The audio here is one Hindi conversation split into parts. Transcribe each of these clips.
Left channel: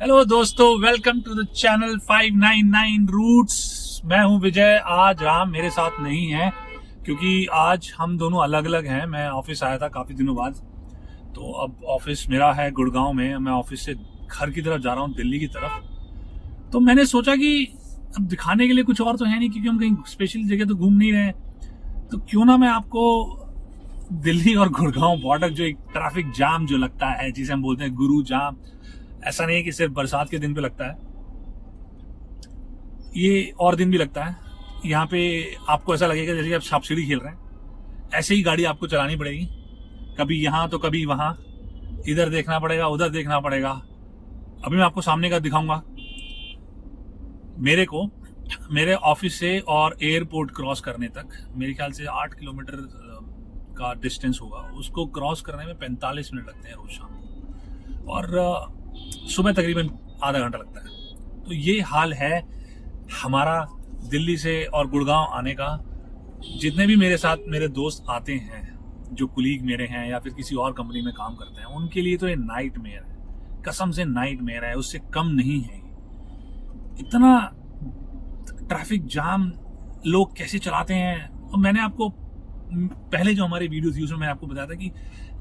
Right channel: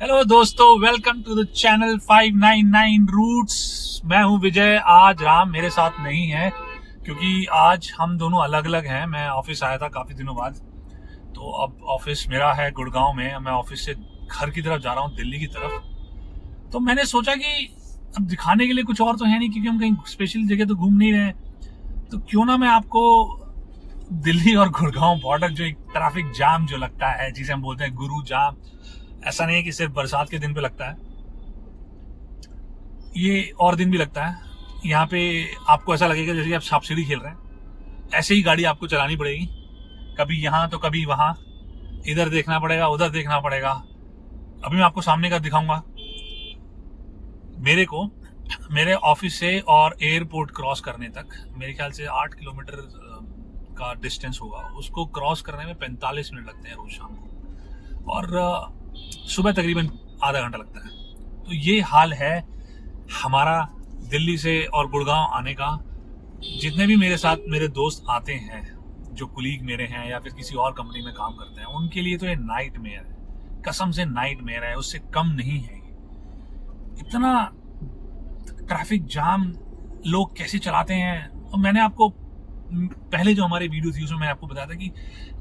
हेलो दोस्तों, welcome to the channel 599 routes. मैं हूं विजय। आज राम मेरे साथ नहीं है क्योंकि आज हम दोनों अलग अलग हैं। मैं ऑफिस आया था काफ़ी दिनों बाद, तो अब ऑफिस मेरा है गुड़गांव में। मैं ऑफिस से घर की तरफ जा रहा हूं, दिल्ली की तरफ। तो मैंने सोचा कि अब दिखाने के लिए कुछ और तो है नहीं, क्योंकि हम कहीं स्पेशल जगह तो घूम नहीं रहे, तो क्यों ना मैं आपको दिल्ली और गुड़गांव बॉर्डर, जो एक ट्रैफिक जाम जो लगता है, जिसे हम बोलते हैं गुरु जाम, ऐसा नहीं है कि सिर्फ बरसात के दिन पे लगता है, ये और दिन भी लगता है। यहाँ पे आपको ऐसा लगेगा जैसे आप सांप सीढ़ी खेल रहे हैं। ऐसे ही गाड़ी आपको चलानी पड़ेगी, कभी यहाँ तो कभी वहाँ, इधर देखना पड़ेगा उधर देखना पड़ेगा। अभी मैं आपको सामने का दिखाऊंगा। मेरे को मेरे ऑफिस से और एयरपोर्ट क्रॉस करने तक मेरे ख्याल से 8 किलोमीटर का डिस्टेंस होगा। उसको क्रॉस करने में 45 मिनट लगते हैं रोज शाम को, और सुबह तकरीबन आधा घंटा लगता है। तो ये हाल है हमारा दिल्ली से और गुड़गांव आने का। जितने भी मेरे साथ मेरे दोस्त आते हैं, जो कुलीग मेरे हैं या फिर किसी और कंपनी में काम करते हैं, उनके लिए तो ये नाइट मेयर है, कसम से नाइट मेयर है, उससे कम नहीं है। इतना ट्रैफिक जाम लोग कैसे चलाते हैं। और मैंने आपको पहले जो हमारी वीडियो थी उसमें मैंने आपको बताया था कि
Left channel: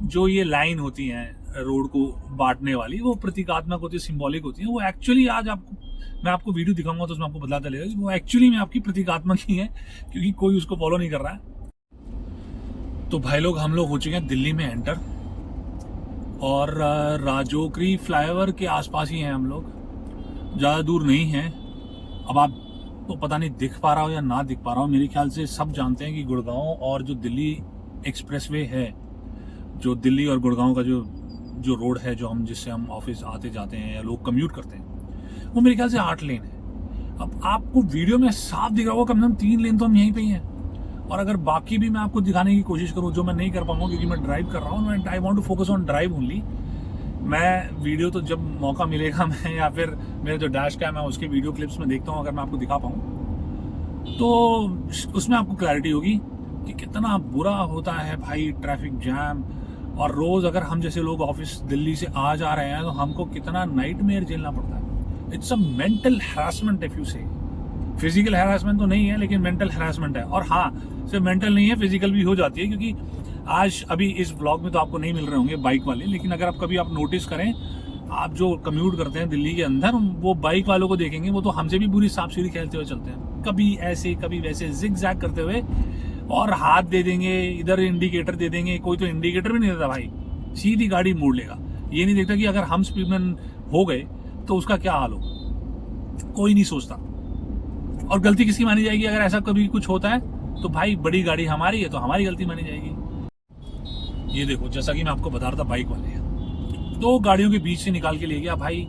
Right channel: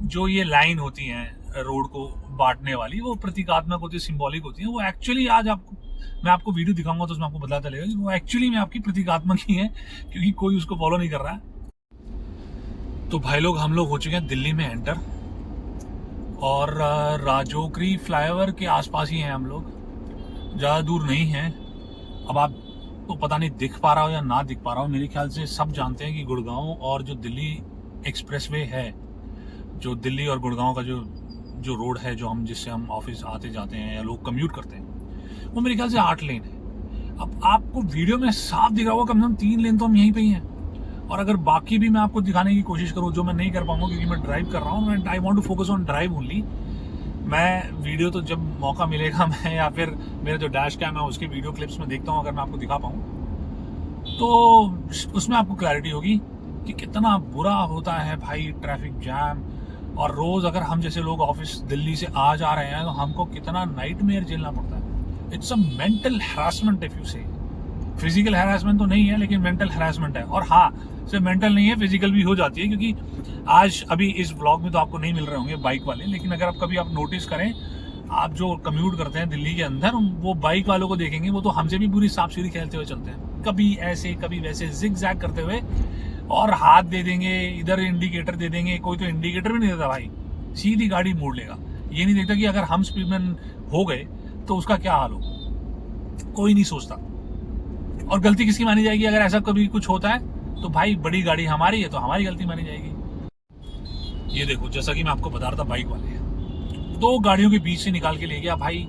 जो ये लाइन होती है रोड को बांटने वाली, वो प्रतीकात्मक होती है, सिंबॉलिक होती है। वो एक्चुअली आज आपको मैं आपको वीडियो दिखाऊंगा तो उसमें आपको पता चलेगा कि वो एक्चुअली में आपकी प्रतीकात्मक ही है, क्योंकि कोई उसको फॉलो नहीं कर रहा है। तो भाई लोग, हम लोग हो चुके हैं दिल्ली में एंटर, और राजोकरी फ्लाईओवर के आसपास ही हैं हम लोग, ज़्यादा दूर नहीं है। अब आप तो पता नहीं दिख पा रहा हो या ना दिख पा रहा हो, मेरे ख्याल से सब जानते हैं कि गुड़गांव और जो दिल्ली एक्सप्रेसवे है, जो दिल्ली और गुड़गांव का जो जो रोड है, जो हम जिससे हम ऑफिस आते जाते हैं या लोग कम्यूट करते हैं, वो मेरे ख्याल से 8 लेन है। अब आपको वीडियो में साफ दिख रहा होगा, कम से कम 3 लेन तो हम यहीं पे ही हैं। और अगर बाकी भी मैं आपको दिखाने की कोशिश करूँ, जो मैं नहीं कर पाऊंगा क्योंकि मैं ड्राइव कर रहा हूँ, I want to focus on drive only. मैं वीडियो तो जब मौका मिलेगा मैं, या फिर मेरा जो डैश कैम है उसके वीडियो क्लिप्स में देखता हूँ, अगर मैं आपको दिखा पाऊँ तो उसमें आपको क्लैरिटी होगी कि कितना बुरा होता है भाई ट्रैफिक जैम। और रोज अगर हम जैसे लोग ऑफिस दिल्ली से आ जा रहे हैं तो हमको कितना नाइटमेयर झेलना पड़ता है। It's a mental harassment if you से। फिजिकल हैरेसमेंट तो नहीं है, लेकिन मेंटल हैरेसमेंट है। और हाँ, सिर्फ मेंटल नहीं है, फिजिकल भी हो जाती है, क्योंकि आज अभी इस व्लॉग में तो आपको नहीं मिल रहे होंगे बाइक वाले, लेकिन अगर आप कभी आप नोटिस करें, आप जो कम्यूट करते हैं दिल्ली के अंदर, वो बाइक वालों को देखेंगे, वो तो हमसे भी बुरी सांप सीढ़ी खेलते हुए चलते हैं, कभी ऐसे कभी वैसे जिग जैग करते हुए, और हाथ दे देंगे, इधर इंडिकेटर दे देंगे। कोई तो इंडिकेटर भी नहीं देता भाई, सीधी गाड़ी मोड़ लेगा। ये नहीं देखता कि अगर हम स्पीड में हो गए तो उसका क्या हाल होगा, कोई नहीं सोचता। और गलती किसकी मानी जाएगी अगर ऐसा कभी कुछ होता है तो? भाई बड़ी गाड़ी हमारी है तो हमारी गलती मानी जाएगी। ये देखो, जैसा कि मैं आपको बता रहा था, बाइक वाले 2 गाड़ियों के बीच से निकाल के ले गया भाई।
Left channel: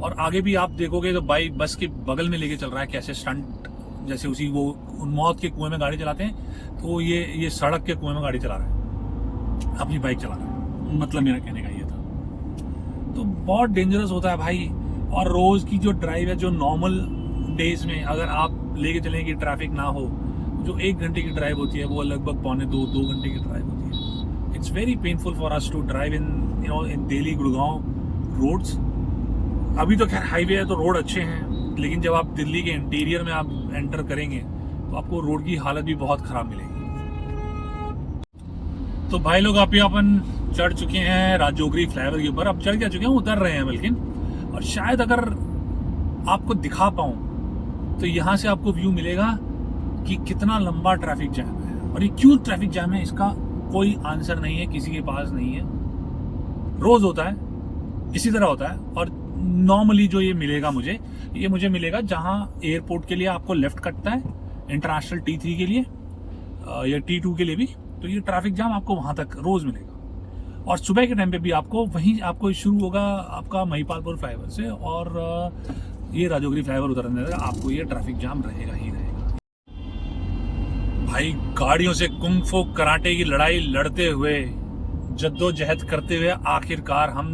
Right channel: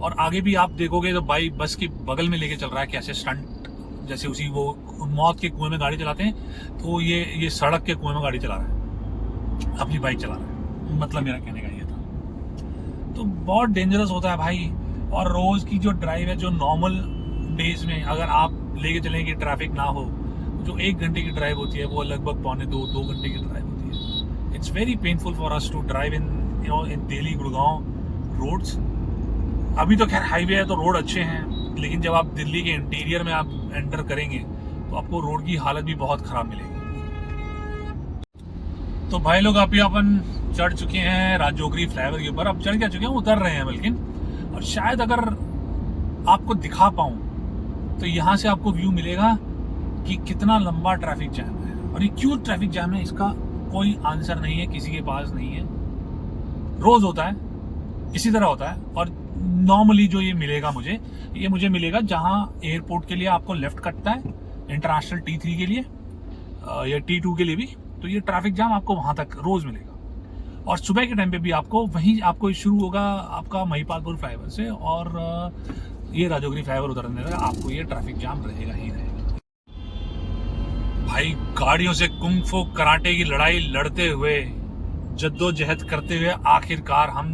और आगे भी आप देखोगे तो बाइक बस के बगल में लेके चल रहा है, कैसे स्टंट, जैसे उसी वो मौत के कुएं में गाड़ी चलाते हैं, तो ये सड़क के कुएं में गाड़ी चला रहा है, अपनी बाइक चला रहा है। मतलब मेरा कहने का ये था। तो बहुत डेंजरस होता है भाई। और रोज की जो ड्राइव है, जो नॉर्मल डेज में अगर आप लेके चलें कि ट्रैफिक ना हो, जो 1 घंटे की ड्राइव होती है वो लगभग पौने 2 घंटे की ड्राइव होती है। It's very painful for us to drive in Delhi Gurgaon roads. अभी तो खैर हाईवे है तो रोड अच्छे हैं, लेकिन जब आप दिल्ली के इंटीरियर में आप एंटर करेंगे तो आपको रोड की हालत भी बहुत खराब मिलेगी। तो भाई लोग, अभी अपन चढ़ चुके हैं राजोगरी फ्लाईओवर के ऊपर। अब चढ़ क्या चुके हैं, उतर रहे हैं बल्कि। और शायद अगर आपको दिखा पाऊं तो यहाँ से आपको व्यू मिलेगा कि कितना लंबा ट्रैफिक जैम है। और ये क्यों ट्रैफिक जैम है, इसका कोई आंसर नहीं है, किसी के पास नहीं है। रोज होता है, इसी तरह होता है। और नॉर्मली जो ये मिलेगा मुझे मिलेगा जहां एयरपोर्ट के लिए आपको लेफ्ट कटता है, इंटरनेशनल T3 के लिए या T2 के लिए भी, तो ये ट्रैफिक जाम आपको वहां तक रोज मिलेगा। और सुबह के टाइम पे भी आपको शुरू होगा आपका महिपालपुर फ्लाईओवर से, और ये राजोगरी फ्लाईओवर उतरने तक आपको ये ट्रैफिक जाम रहेगा ही रहेगा। भाई गाड़ियों से कुंग फू कराटे की लड़ाई लड़ते हुए, जद्दोजहद करते हुए, आखिरकार हम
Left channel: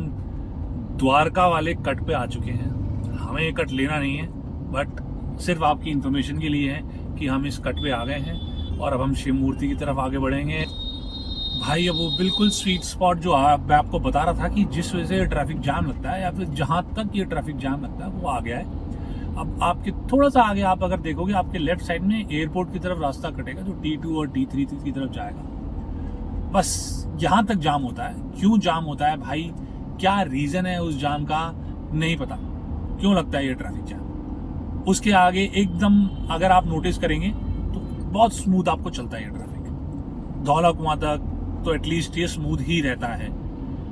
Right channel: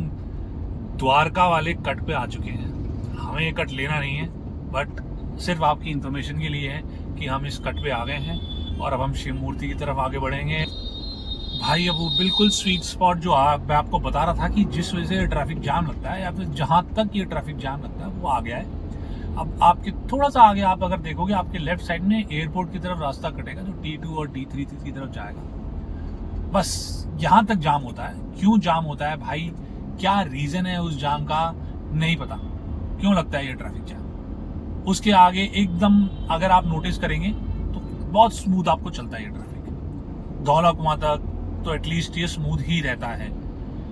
द्वारका वाले कट पे आ चुके हैं। हमें ये कट लेना नहीं है, बट सिर्फ आपकी इंफॉर्मेशन के लिए है कि हम इस कट पे आ गए हैं। और अब हम शिव मूर्ति की तरफ आगे बढ़ेंगे। भाई अब वो बिल्कुल स्वीट स्पॉट जो मैं आपको बता रहा था कि जिस वजह से ट्रैफिक जाम लगता है या फिर जहां तक ये ट्रैफिक जाम लगता है वो आ गया है। अब आपके थोड़ा सा आगे आप अगर देखोगे आपके लेफ्ट साइड में एयरपोर्ट की तरफ रास्ता कटेगा जो T2 और T3 की तरफ जाएगा। बस यहाँ तक जाम होता है। क्यों जाम होता है भाई, क्या रीजन है उस जाम का नहीं पता, क्यों लगता है ये ट्रैफिक जाम। उसके आगे एकदम अगर आप नोटिस करेंगे तो बहुत स्मूथ आपको चलता है ये ट्रैफिक। धौला कुआं तक तो एटलीस्ट ये स्मूथ ही रहता है,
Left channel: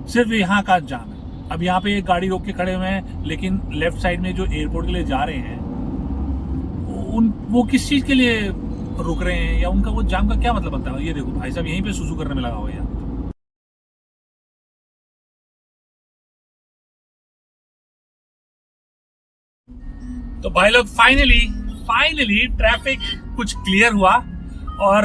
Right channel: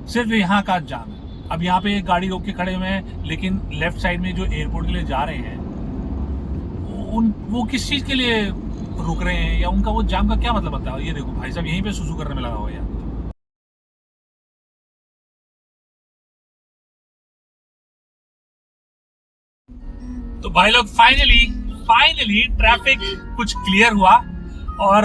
सिर्फ यहाँ का जाम है। अब यहाँ पे एक गाड़ी रोक के खड़े हुए हैं, लेकिन लेफ्ट साइड में जो एयरपोर्ट के लिए जा रहे हैं वो किस चीज के लिए रुक रहे हैं या उनका वो जाम का क्या मतलब बनता है। ये देखो भाई साहब यहीं पे सुसु करने में लगा हुआ है यार। तो भाई लोग फाइनली ट्रैफिक कुछ क्लियर हुआ और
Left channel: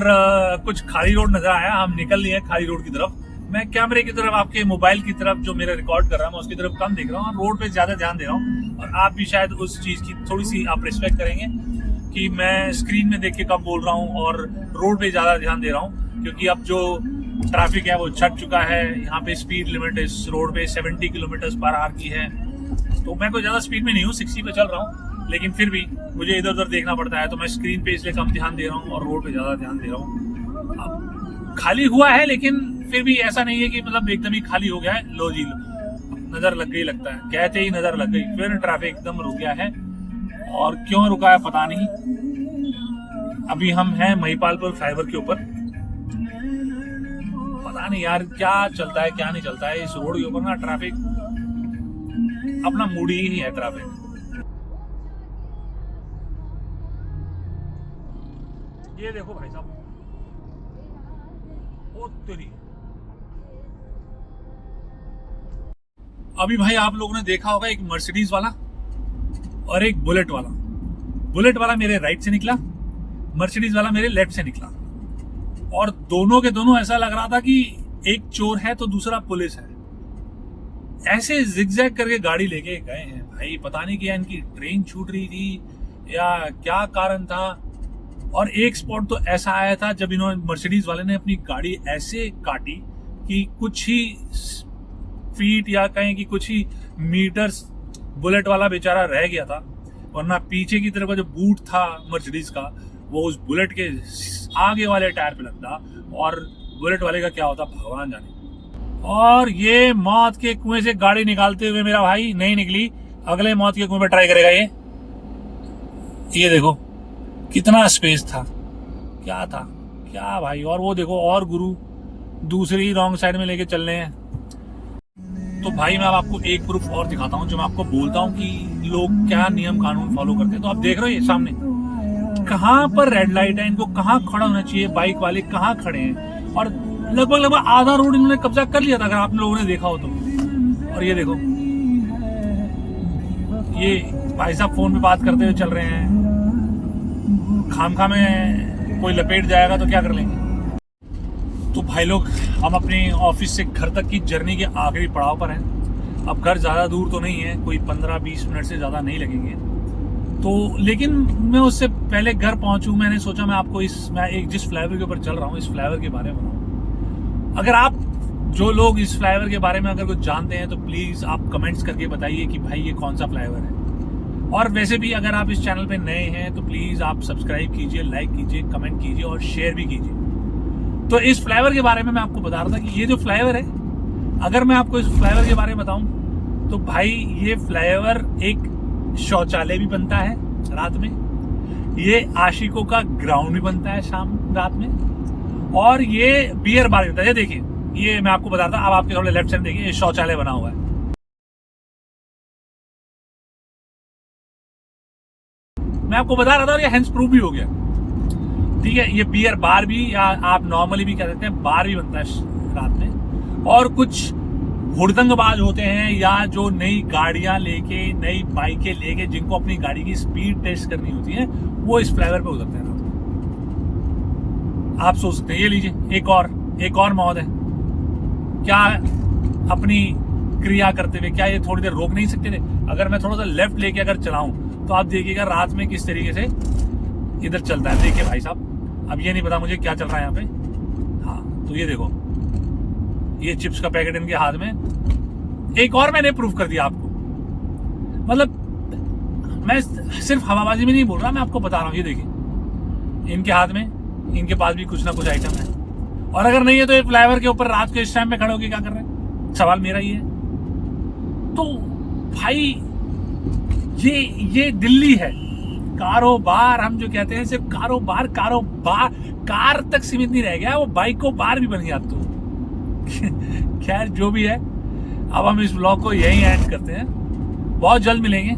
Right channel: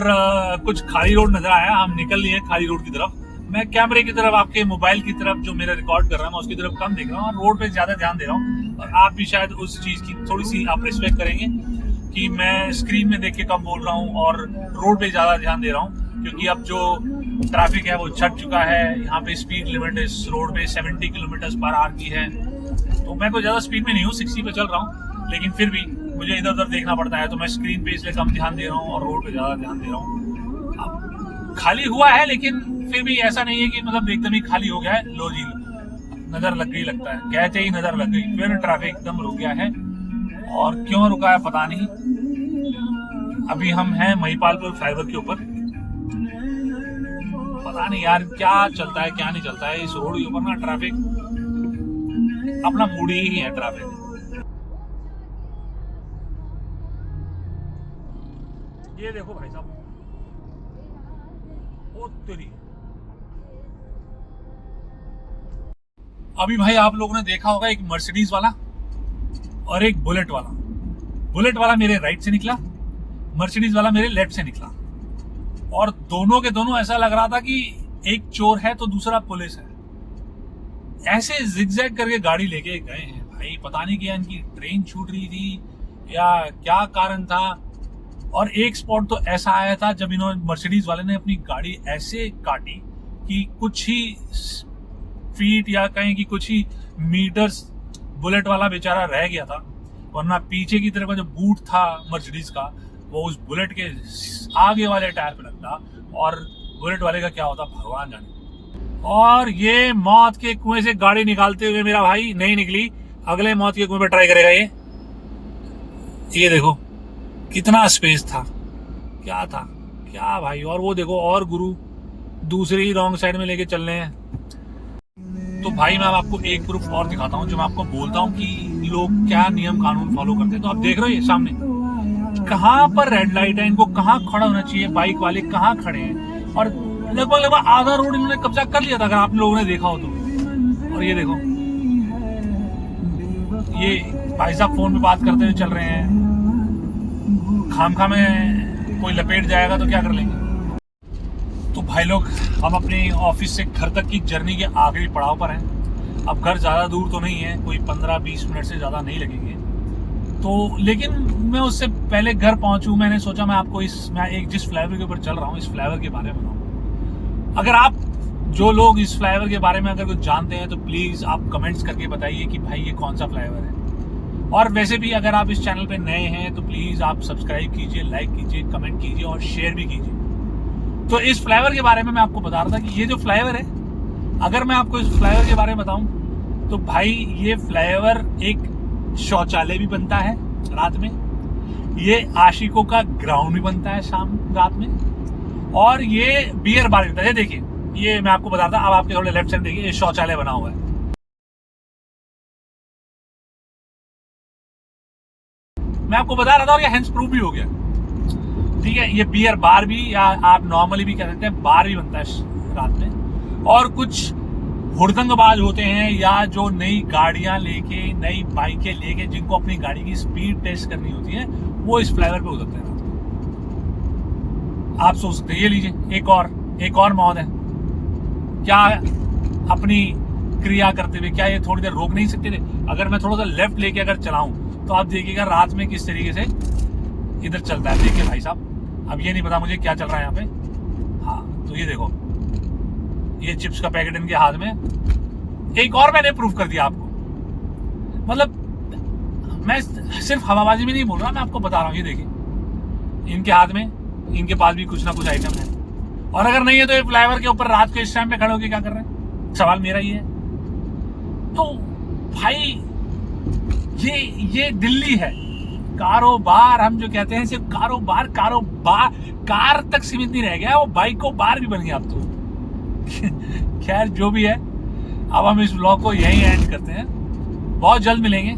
कुछ खाली रोड नजर आया। हम निकल लिए खाली रोड की तरफ। मैं कैमरे की तरफ, आपके मोबाइल की तरफ जो मेरा रिकॉर्ड कर रहा है मैं उसकी तरफ कम देख रहा हूँ और रोड पे ज्यादा ध्यान दे रहा हूँ। और आप भी शायद उस चीज की थोड़ी सी आप रिस्पेक्ट करेंगे कि मैं स्क्रीन में देख के कम बोल रहा हूँ और रोड पे ज्यादा ध्यान दे रहा हूँ, क्योंकि अब जो ट्रैफिक है वो छट चुका है। यहाँ पे स्पीड लिमिट इस रोड पे 70 किलोमीटर पर आवर की है। तो मैं कोई ज्यादा स्पीड में नहीं हूँ, 60 पे चल रहा हूँ, लेकिन फिर भी मुझे इधर उधर देखना पड़ता है। तो मैं स्क्रीन पे इसलिए कम ध्यान दे रहा हूँ और रोड पे ज्यादा ध्यान दे रहा हूँ। अब खाली हुआ है, लेकिन फिर भी ऐसा नहीं है कि मतलब एकदम ही खाली हो गया है। लो जी, नजर लग गई लगता है, कहते ही नजर लग गई। फिर ट्रैफिक एकदम रुक गया है और क्यों रुका है पता नहीं। अभी हम हैं महिपालपुर फ्लाईओवर के ऊपर। पता नहीं यार क्या चलता है क्या नहीं चलता है इस रोड के ऊपर ना। ट्रैफिक अपना मूड ही है ट्रैफिक। ये देखो भाई साहब, ओ तेरी। अभी भाई आप लोगों ने देखा होगा एक मर्सिडीज वाला और एक बुलेट वाला। बुलेट वाला मेरे राइट से निकला, मर्सिडीज वाला मेरे लेफ्ट से निकला, और दोनों के दोनों ऐसा लग रहा था कि एक चोर है तो दूसरा पुलिस है। ऐसे जिगजैग करके गाड़ी लेके गए हैं भाई। पता नहीं क्या इनकी ट्रेन छूट रही थी या क्या कारण था। और एक स्पॉट तो ऐसा आया था जब इन्होंने मर्सिडीज वाले ने अपनी गाड़ी ऐसे काटी कि कुछ ही फीट या कहें कि कुछ ही मीटर्स बुलेट वाला बेचारा रह गया था, वरना पीछे की तरफ का जो बूट था मर्सिडीज का वो उस बुलेट के आगे वाले टायर पे लगता और बुलेट वाले का क्या होता भगवान जाने। और ये मौत के कुएं से गाड़ी निकालते हुए मेरा भाई नहीं निकली, अगले मौत के कुएं में ट्राई करेगा ये देखो कितना स्पेस था, क्या था क्या भाई। और वो देखो और गुरु दूसरी रॉन्ग साइड में लेके चल रहे हैं। तो भाई मैं अब आपको एक प्रूफ और दिखाता हूँ जो मैं आपको बोलता हूँ कि लोग क्या नियम कानून फॉलो करते हैं। तो आप देख रहे हो ये सामने कहाँ पर रेड लाइट है, इनको कहाँ खड़ा होना चाहिए, बाइक वाले कहाँ खड़े हैं, और लगभग आधा रोड इन्होंने कब्जा कर लिया था अगर आप लोगों ने देखा हो तो। और ये देखो ये भाई साहब फोन पे बात करते हुए चल रहे हैं। खामखा में कोई लपेट जाएगा तो क्या कर लेंगे। तो भाई लोग हम अपने ऑफिस से घर तक की जर्नी के आखिरी पड़ाव पर हैं। अब घर ज़्यादा दूर तो नहीं है, कोई 15-20 मिनट से ज़्यादा नहीं लगेंगे। तो लेकिन मैं उससे पहले घर पहुंचूं मैंने सोचा मैं आपको मैं एक जिस फ्लाईओवर के ऊपर चल रहा हूँ इस फ्लाईओवर के बारे में बताऊँ। अगर आप जो लोग इस फ्लाईओवर के बारे में अगर कुछ जानते हैं तो प्लीज़ आप कमेंट्स करके बताइए कि भाई ये कौन सा फ्लाईओवर है। और वैसे भी अगर आप इस चैनल पे नए हैं तो प्लीज़ आप सब्सक्राइब कीजिए, लाइक कीजिए, कमेंट कीजिए और शेयर भी कीजिए। तो इस फ्लाईओवर के बारे में मैं आपको बता रहा था कि ये जो फ्लाईओवर है, अगर मैं आपको इस फ्लाईओवर के बारे में बताऊं तो भाई ये फ्लाईओवर एक शौचालय भी बनता है रात में, ये आशिकों का ग्राउंड भी बनता है शाम रात में, और ये बियर बार बनता है। देखिए ये मैं आपको बता रहा था। अब आपके थोड़े लेफ्ट साइड देखिए ये शौचालय बना हुआ है। मैं आपको बता रहा था और ये हैंड्स प्रूफ भी हो गया, ठीक है। ये बियर बार भी या आप नॉर्मली भी कह सकते हैं बार भी बनता है रात में। और कुछ हुड़दंगबाज होते हैं या जो नई गाड़ियां लेके नई बाइकें लेके जिनको अपनी गाड़ी की स्पीड टेस्ट करनी होती है वो इस फ्लाईओवर पे उतरते हैं रात में। आप सोच सकते हैं, ये लीजिए एक और मौत है। क्या अपनी क्रिया करते हुए क्या ये थोड़ी देर रोक नहीं सकते थे? अगर मैं थोड़ा सा लेफ्ट लेके अगर चलाऊं तो आप देखिएगा रात में किस तरीके से इधर चलता है। देखिए भाई साहब, अब ये नहीं पता मुझे क्या चल रहा है यहाँ पे। हाँ तो ये देखो ये चिप्स का पैकेट इनके हाथ में। एक और मैंने प्रूफ कर दिया आपको, मतलब मैं सिर्फ हवाबाजी में नहीं बोल रहा, मैं आपको बता रहा हूँ। ये देखिए इनके हाथ में, इनके पास भी कुछ ना कुछ आइटम है, और अगर नहीं है तो ये फ्लाईओवर के ऊपर रात को इस टाइम पे खड़े होके क्या कर रहे हैं? सवाल मेरा ही है। तो भाई ये दिल्ली है। कारोबार हम जो कहते हैं, सिर्फ कारोबार कार तक सीमित नहीं रह गया, वो बाइक को बार भी बन गया अब तो। खैर जो भी है, अब हम इस व्लॉग को यहीं एंड करते हैं। बहुत जल्द मिलेंगे